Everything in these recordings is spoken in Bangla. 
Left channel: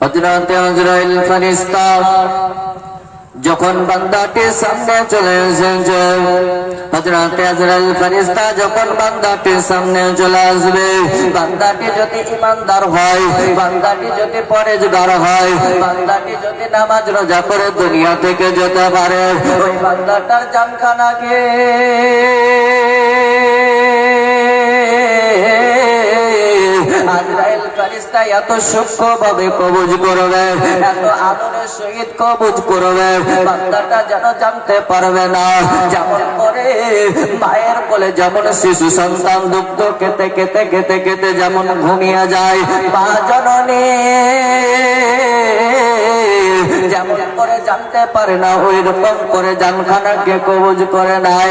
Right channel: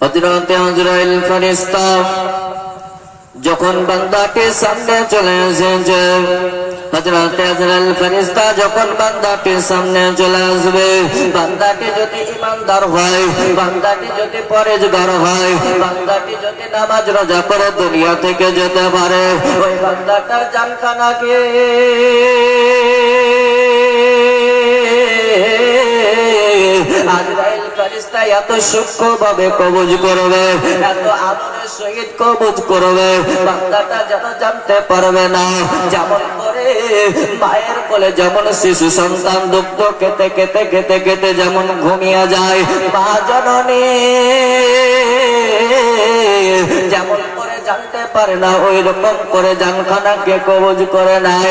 হযরত আজরাইল ফেরেশতা যখন বান্দাটির সামনে চলে এসেছে, হযরত আজরাইল ফেরেশতা যখন বান্দাটির সামনে চলে আসবে, বান্দাটি যদি ঈমানদার হয়, বান্দাটি যদি পরেজগার হয়, বান্দাটি যদি নামাজ রোজা করে দুনিয়া থেকে যেতে পারে, ওই বান্দাটার জানখানাকে আজরাইল ফেরেশতা এত সূক্ষ্মভাবে কবজ করবে, এত আদরের সহিত কবজ করবে, বান্দাটা যেন জানতে পারবে না। যেমন করে মায়ের কোলে যেমন শিশু সন্তান দুগ্ধ খেতে খেতে খেতে খেতে যেমন ঘুমিয়ে যায়, মা জননী যেমন করে জানতে পারে না, ওই রকম করে জানখানাকে কবজ করে নাই।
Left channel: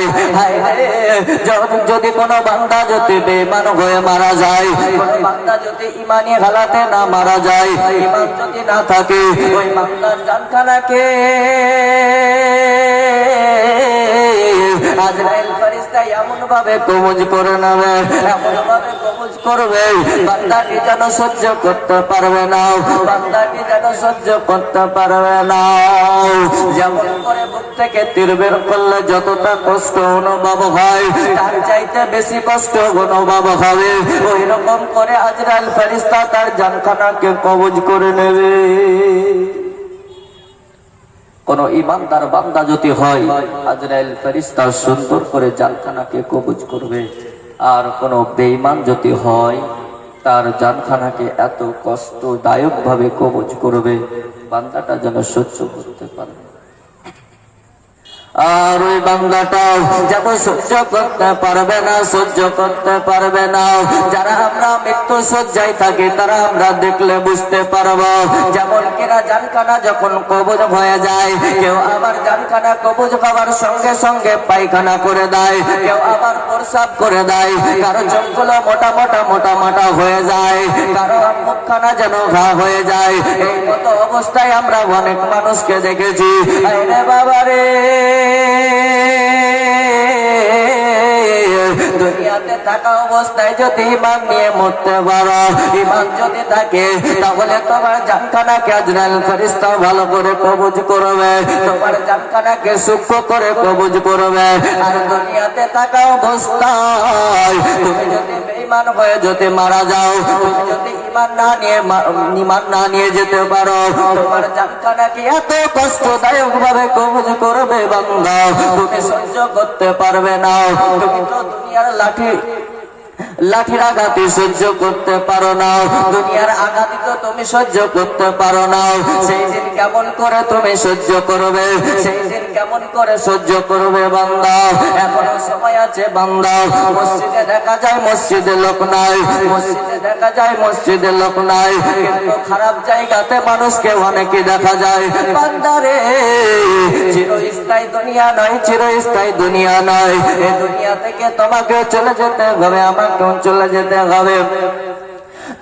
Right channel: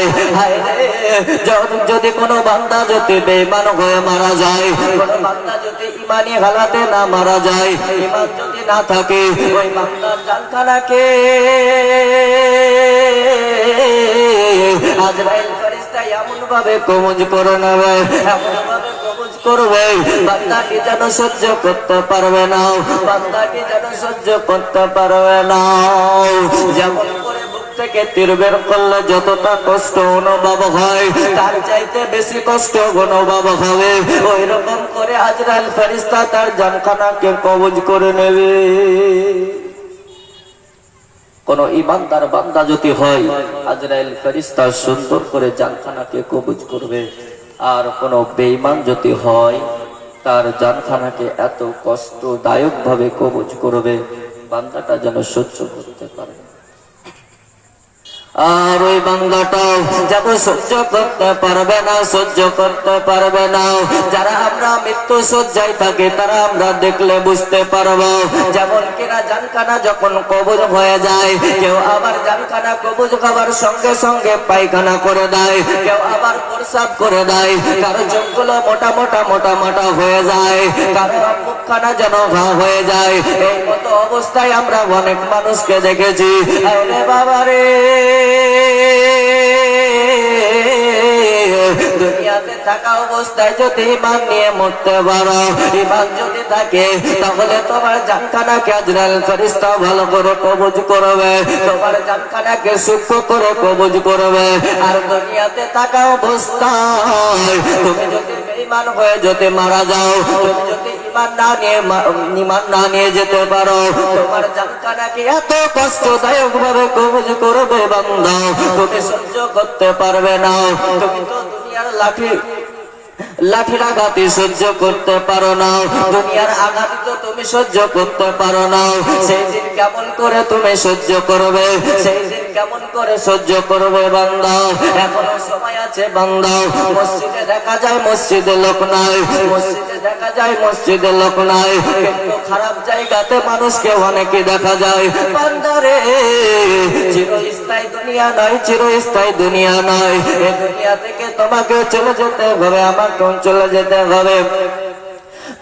যদি কোনো বান্দা যদি বেঈমান হয়ে মারা যায়, কোনো বান্দা যদি ঈমানি হালাতে না মারা যায়, ঈমান যদি না থাকে, ওই বান্দার জানখানাকে আজরাইল ফেরেশতা এমন ভাবে কবজ করে নেবে, এমন ভাবে কবজ করবে, বান্দাটি যেন সহ্য করতে পারবে না, বান্দাটি যেন সহ্য করতে পারবে না। যেমন করে বুক থেকে তীর বের করলে যতটা কষ্ট অনুভব হয়, তার চাইতে বেশি কষ্ট অনুভব হবে, ওই রকম করে আজরাইল ফেরেশতা তার জানখানাকে কবজ করে নেবে। কোন ঈমানদার বান্দা যদি হয়, আজরাইল ফেরেশতা সুন্দর করে জানখানাকে কবজ করবে, আর কোন বেঈমান যদি হয়, তার জানখানাকে এত কষ্টদায়ক ভাবে কবজ করবে, বান্দাটা যেন সহ্য করতে পারে। আর ওই বান্দাটাও যেন সহ্য করতে পারবে না, সহ্য করতে পারবে না। যারা আমরা মৃত্যু শয্যায় থাকি, তারা আমরা দেখলে বুঝতে পারবো, যেমন কিনা জানখানা যখন কবজ হয়ে যায়, কেউ আবার জানখানা কবজ হওয়ার সঙ্গে সঙ্গে পায়খানা করে দেয়, কেউ আবার প্রস্রাব করে দেয়, কারো চোখগুলো মোটা মোটা মোটা মোটা হয়ে যায়, কারো মুখখানা যেন ঘা হয়ে যায়। এই মতো অবস্থায় আমরা অনেক মানুষকে দেখেছি। আরে বাবা রে, দুনিয়াতে থাকা অবস্থায় যদি ঈমান নিয়ে মরতে পারো, ঈমান যদি থাকে, তাহলে তোমার জানখানাকে আজরাইল ফেরেশতা ভালো করে কবজ করবে, তোমার জানখানাকে সূক্ষ্ম করে কবজ করবে। আর দুনিয়াতে থাকা অবস্থায় তুমি যদি বেঈমান হয়ে যদি মারা যাও, তুমি যদি ঈমান না নিয়ে যেতে পারো, তোমার জানখানাকে এত কষ্টদায়ক ভাবে কবজ করবে বান্দা, তুমি সহ্য করতে পারবে না। তুমি তো দুনিয়ার লাঠির আঘাতে সহ্য করতে পারো না, দুনিয়ার আঘাতে তো তুমি সহ্য করতে পারো না। সেই দিন কেমন করে তুমি সহ্য করবে, সেই দিন কেমন করে সহ্য করবে বান্দা? এখনো সময় আছে বান্দা। মসজিদে দেখা যায় মসজিদে লোক নাই, মসজিদে দেখা যায় মসজিদে লোক নাই, কিন্তু খারাপ জায়গাতে মানুষকে অনেকে দেখা যায়। বান্দারে, চিরস্থায়ী দুনিয়া নয়, চিরস্থায়ী দুনিয়া নয়। এই দুনিয়া থেকে তোমাকে চলে যেতে হবে, আমাকেও চলে যেতে হবে।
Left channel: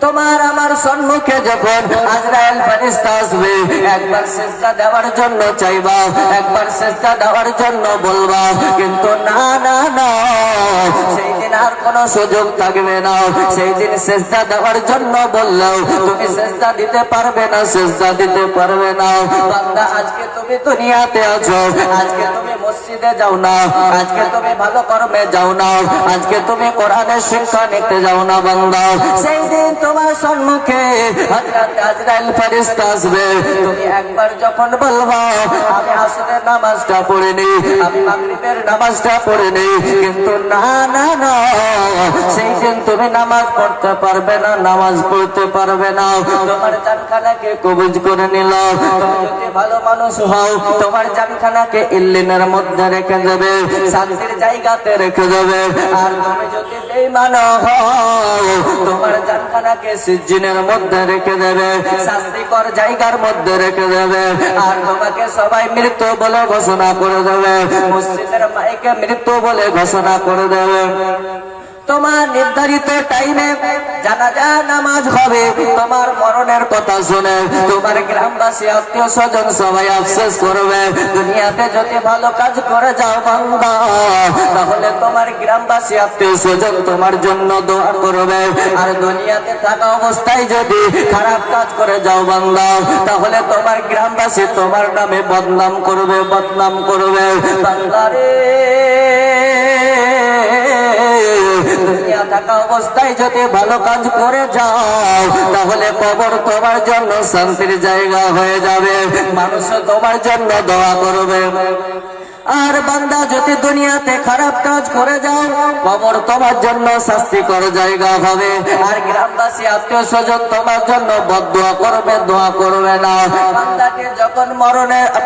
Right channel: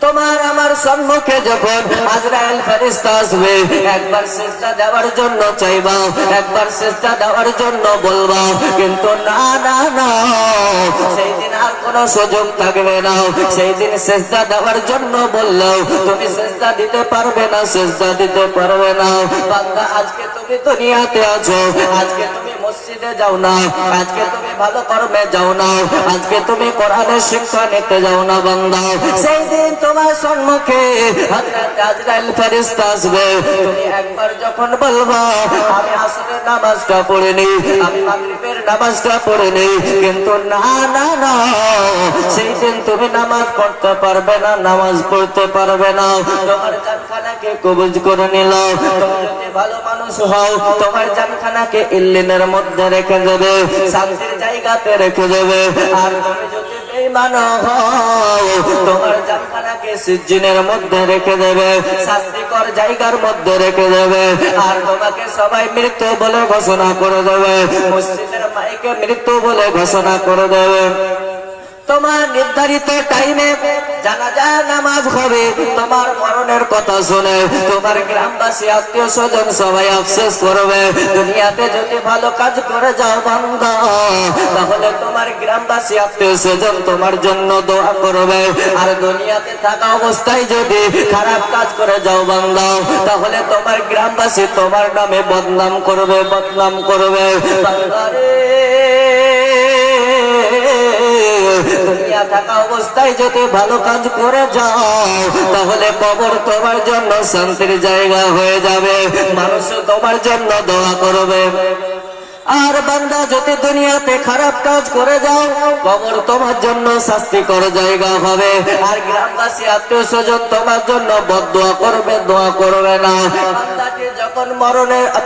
তোমার আমার সম্মুখে যখন আজরাইল ফেরেশতা আসবে, একবার সেজদা দেওয়ার জন্য চাইবা, একবার সেজদা দেওয়ার জন্য বলবা, কিন্তু না না না, সেই দিন আর কোনো সুযোগ থাকবে না। সেই দিন সেজদা দেওয়ার জন্য বললেও তুমি সেজদা দিতে পারবে না, সেজদা দিতে পারবে না। বান্দা, আজকে তুমি দুনিয়াতে আছো, আজকে তুমি মসজিদে যাও না, আজকে তুমি ভালো কর্মে যাও না, আজকে তুমি কোরআনের শিক্ষা নিতে যাও না বান্দা, সেই দিন তোমার সম্মুখে হযরত আজরাইল ফেরেশতা আসবে। তুমি একবার যখন বলবা, আমি আসরের নামাজটা পড়ে নেই, আমি মাগরিবের নামাজটা পড়ে নেই, কিন্তু না না না, সেই দিন তুমি নামাজ পড়তে পারবে না, নামাজ পড়তে পারবে না। তোমার জানখানাকে কবজ করে নিলাম। তুমি যদি ভালো মানুষ হও, তোমার জানখানাকে ইল্লিনের মধ্যে রেখে যাবে, শান্তির জায়গাতে রেখে যাবে। আর তুমি যদি বেঈমান হও, তোমার জানখানাকে সিজ্জিনের মধ্যে রেখে দেবে, শাস্তিকর জায়গার মধ্যে রেখে দেবে। আর তোমাকে সবাই মৃত বলে ঘোষণা করে দেবে, মসজিদের মাইকে মৃত বলে ঘোষণা করে দেবে। তোমার নির্ধারিত টাইমে জানাজা নামাজ হবে, তোমার মরণের কথা শুনে তোমার গ্রামবাসী আত্মীয় স্বজন সবাই আফসোস করবে। দুনিয়াতে যদি ভালো কাজ করে যাও বান্দা, তাহলে তোমার গ্রামবাসী আত্মীয় স্বজন তোমার জন্য দোয়া করবে। আর দুনিয়াতে থাকা অবস্থায় যদি খারাপ কাজ করে যাও বান্দা, তাহলে তোমার গ্রামবাসী তোমার নামে বদনাম করবে, বদনাম করবে। বান্দারে, দুনিয়া থাকা অবস্থায় যদি ভালো কাজ করে যাও, তাহলে কবর তোমার জন্য শান্তির জায়গা হয়ে যাবে, মানুষ তোমার জন্য দোয়া করবে। আর বান্দা যদি দুনিয়াতে খারাপ কাজ করে যাও, কবর তোমার জন্য শাস্তিকর জায়গা হবে। আর গ্রামবাসী আত্মীয় স্বজন তোমার জন্য বদদোয়া করবে, দোয়া করবে না। বান্দাটি যখন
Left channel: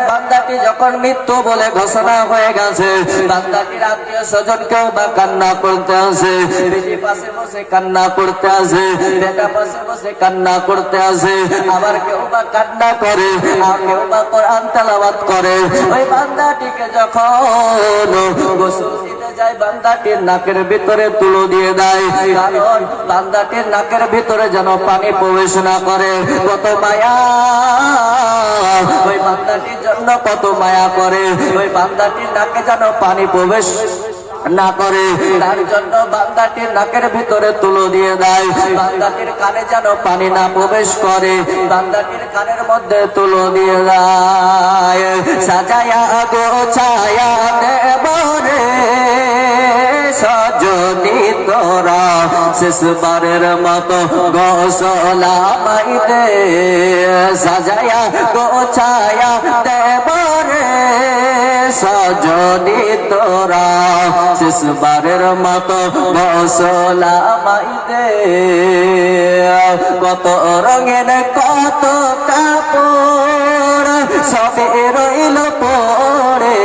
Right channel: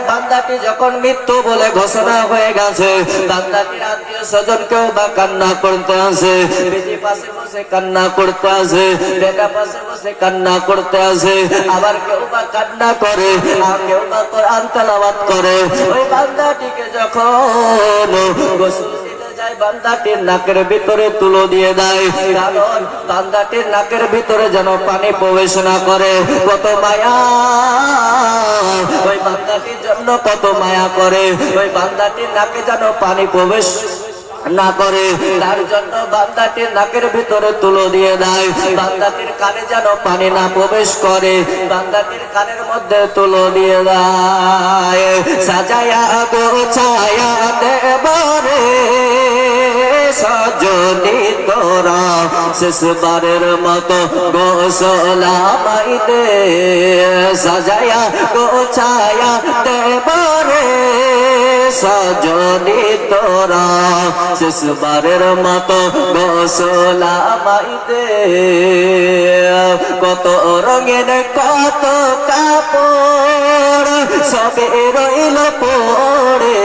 বান্দাটি যখন মৃত্যু বলে ঘোষণা হয়ে গেছে, বান্দাটির আত্মীয় স্বজন কেউ বা কান্না করতে আসে, বিজি পাশে বসে কান্না করতে আসে, বেটা পাশে বসে কান্না করতে আসে, আবার কেউ বা কান্না করে, আর কেউ বা কোরআন তেলাওয়াত করে। ওই বান্দাটিকে যখন গোসল দিতে যায়, বান্দাটির নাকের ভিতরে তুলো দিয়ে দেয়, কারণ বান্দাটির নাকের ভিতরে যেন পানি প্রবেশ না করে। কত মায়া ওই বান্দাটির জন্য, কত মায়া করে। ওই বান্দাটির নাকে যেন পানি প্রবেশ না করে, তার জন্য বান্দাটির নাকের ভিতরে তুলো দিয়ে দেয়। বান্দাটির কানে যেন পানি না প্রবেশ করে, বান্দাটির কানের মধ্যে তুলো দিয়ে দেয়। সাজায়া গোছায়া দেবরে সজনি তোরা, শেষবারের মতো গোসলা মাইদে। সাজায়া গোছায়া দেবরে সজনি তোরা, শেষবারের মতো গোসলা মাইদে। কত রঙের কত কাপড় সবে রইল পড়ে,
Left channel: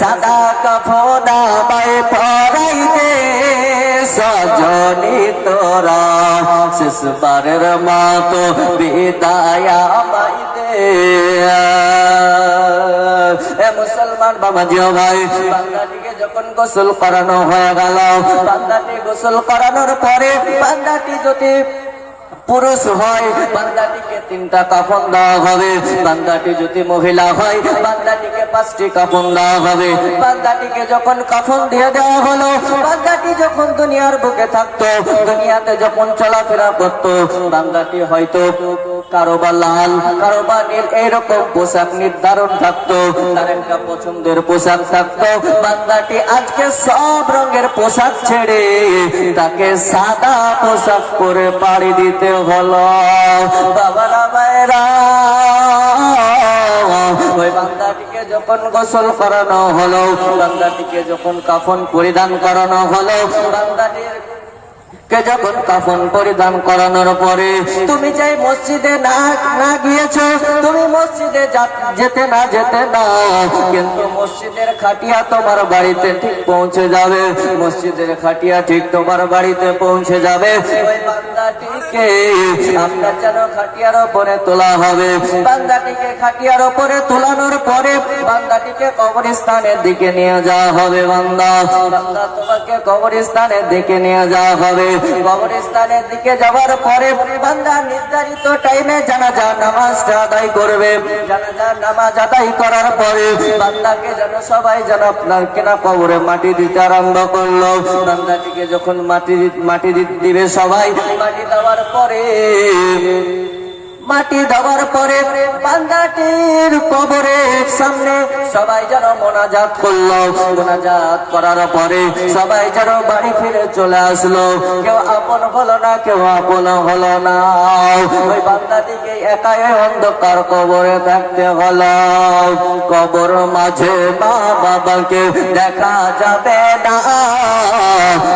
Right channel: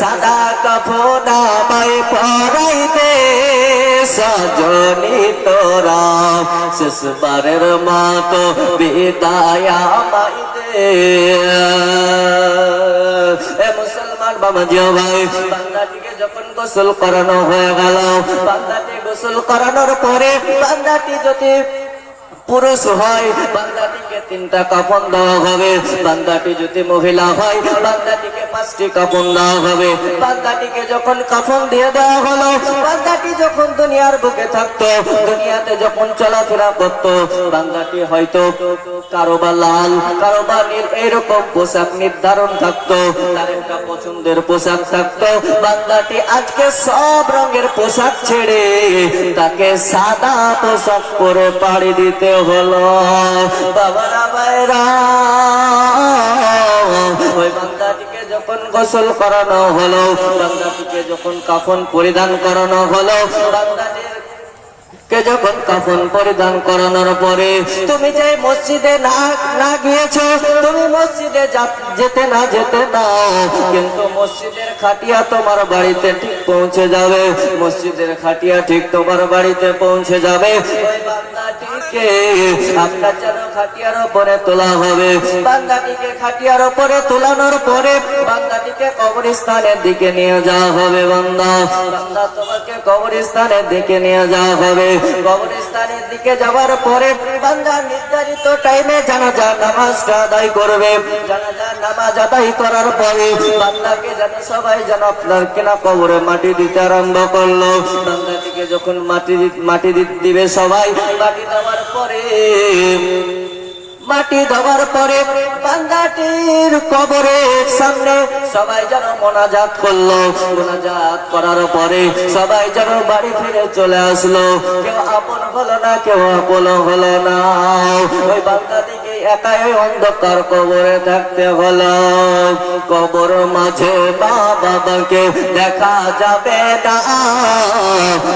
সাদা কাফন আমায় পরাই দে সজনি তোরা, শেষবারের মতো বিদায় আমায় দে। মুসলমান বাবাজিও ভাই, বান্দাটিকে যখন গোসল করানো হয়ে গেল, বান্দাটি গোসল করানোর পরে বান্দাটি যদি পুরুষ হয়, বান্দাটিকে 3টা কাফন দেওয়া হবে। বান্দাটি যদি মহিলা হয়, বান্দাটিকে 5টি কাফন দেওয়া হবে। বান্দাটিকে যখন কাফন দিয়ে দেওয়া হলো, বান্দাটি যখন দুনিয়ার বুকে থাকতো, দুনিয়াতে যখন চলাফেরা করতো, বান্দাটি হয়তো কারো বা লাল, কারো বা নীল এইরকম পোশাক নির্ধারণ থাকতো, তার একটা পছন্দের পোশাক থাকতো। বান্দাটি আজকে সব রঙের পোশাক ছেড়ে তাকে সাদা পোশাক পরে পাড়ি দিতে হলো। বাবারা মায়েরা, ওই বান্দাটিকে যখন গোসল করানো হলো, বান্দাটিকে যখন কাফন পরিধান করানো হলো, বান্দাটির যখন কাফন পরিধান করানোর পরে তুমি যে মসজিদে না গিয়েছো, তুমি মসজিদে যেতে না কিন্তু মসজিদের খাটিয়া তোমার বাড়িতে ঠিক পৌঁছে যাবে, মসজিদের খাটিয়া ঠিক তোমার বাড়িতে পৌঁছে যাবে। ওই বান্দাটিকে আপনার যেন খাটিয়ার উপরে তোলা হবে। বান্দাটিকে খাটিয়ার উপরে তোলানোর পরে বান্দাটিকে কবরস্থানের দিকে নিয়ে যাওয়া হবে। বান্দা তোমাকে কবরস্থানের দিকে নিয়ে যাওয়া হবে। কবরস্থানের দিকে যাওয়ার পরে বান্দা নির্ধারিত টাইমে জানাজা নামাজটা আদায় করবে। জানাজা নামাজ আদায় করার পরে বান্দাকে যেন সবাই যেন আপনার কেনা কবরে মাটি দিতে আরম্ভ করলো। বান্দাটিকে যখন মাটি দিবে সবাই, মাটি দেওয়ার পরে বান্দাটির কবরের সামনে সবাই যেন মোনাজাত করলো। মোনাজাত করার পরে সবাই যেন বাড়ি ফিরে চলে আসলো। কেউ আপন হলো না, কেউ আপন হলো না। ওই বান্দাটিকে একাই ওই অন্ধকার কবরে থাকতে হলো। কবর মাঝে মা বাবাকে দেখা যাবে না,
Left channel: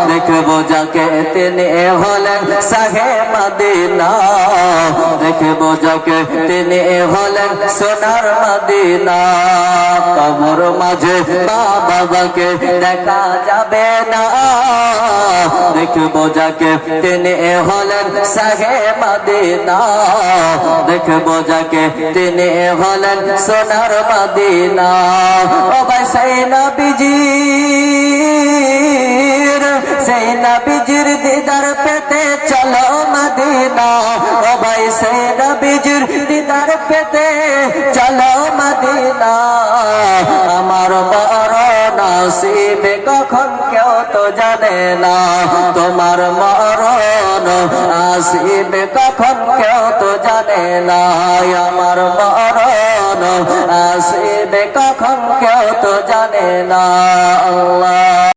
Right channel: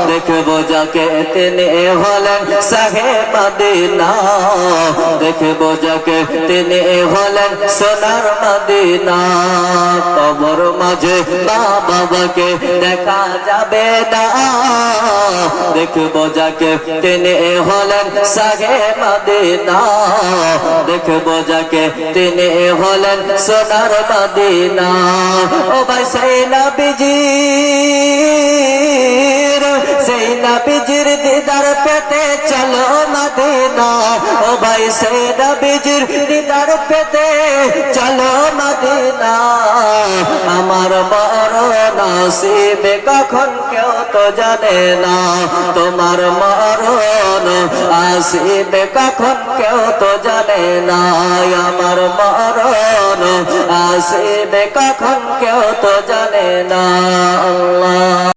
দেখবো যাকে তিনি হলেন শাহে মদিনা, দেখবো যাকে তিনি হলেন সোনার মদিনা। কবর মাঝে মা বাবাকে দেখা যাবে না, দেখবো যাকে তিনি হলেন শাহে মদিনা, দেখবো যাকে তিনি হলেন সোনার মদিনা ও ভাই সেই নবীজির দিদার পেতে চলো মদিনা ও ভাই সেই নবীজির দিদার পেতে চলো মদিনা আমার বড় নসিবে কখন কেউ তো জানে না তোমার মরণ আসিবে কখন কেউ তো জানে না আমার মরণ আসিবে কখন কেউ তো জানে না আল্লাহ